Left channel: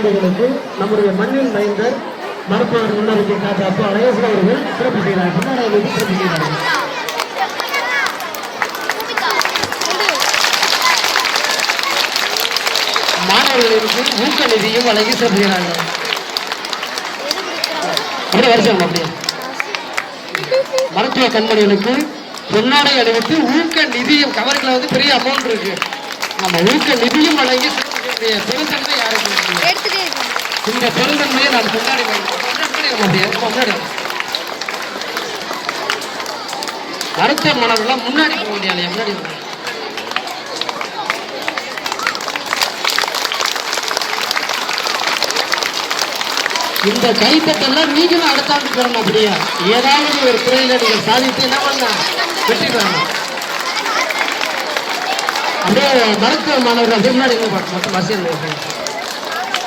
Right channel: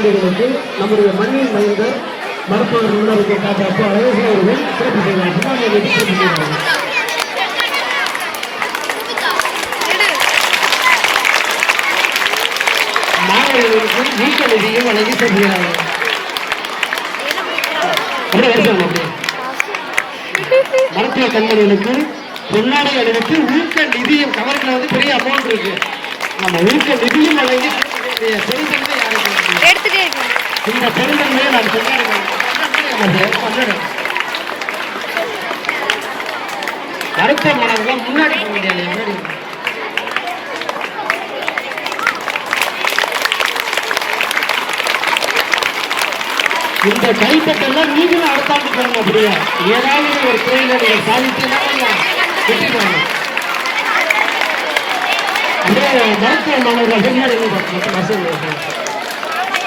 குழந்தைகளுக்கு நம்முடைய மண்ணின் மைந்தர் மருத்துவர் முன்னறிக்கை காட்ட அப்போ அழகேசன் அவர்கள் சிறப்பு செய்தார் பின்னாடி சிறப்பு செய்கிறார்கள் மாணவர்களுக்கு ஊக்க நிதியும் வழங்கி செய்கிறாங்க அப்படியே வரிசைங்க அப்படியே. மருத்துவ கண்மணிகளுக்கு பொன்னாடை அணிவித்து ஊக்க நிதியும் கவர்களை வந்து பெரிய அமௌண்ட் இருக்கு. நம்ம ஊக்க நிதியும் வழங்கி சிறப்பிக்கக்கூடிய பெருந்தன்மை யாருக்கு? எடுத்துட்டே இருக்கேன். இந்த பெருந்தன்மையை நாம் கொண்டாடி வருகிறோம். கொண்டாடி முன்னாடி போக முடியாது முன்னாடி இந்த கைத்தட்டெல்லாம் நீங்களும் அடுத்த ஆண்டு பெறணும் அப்படியா? ஏதாவது ஒரு துறையில நீங்கள் சாதித்து என்ன பண்ணலாம்? வெற்றி பெறணும் அப்படியே மருத்துவ மாணவர்கள் முன்னாடி இருந்து பஸ்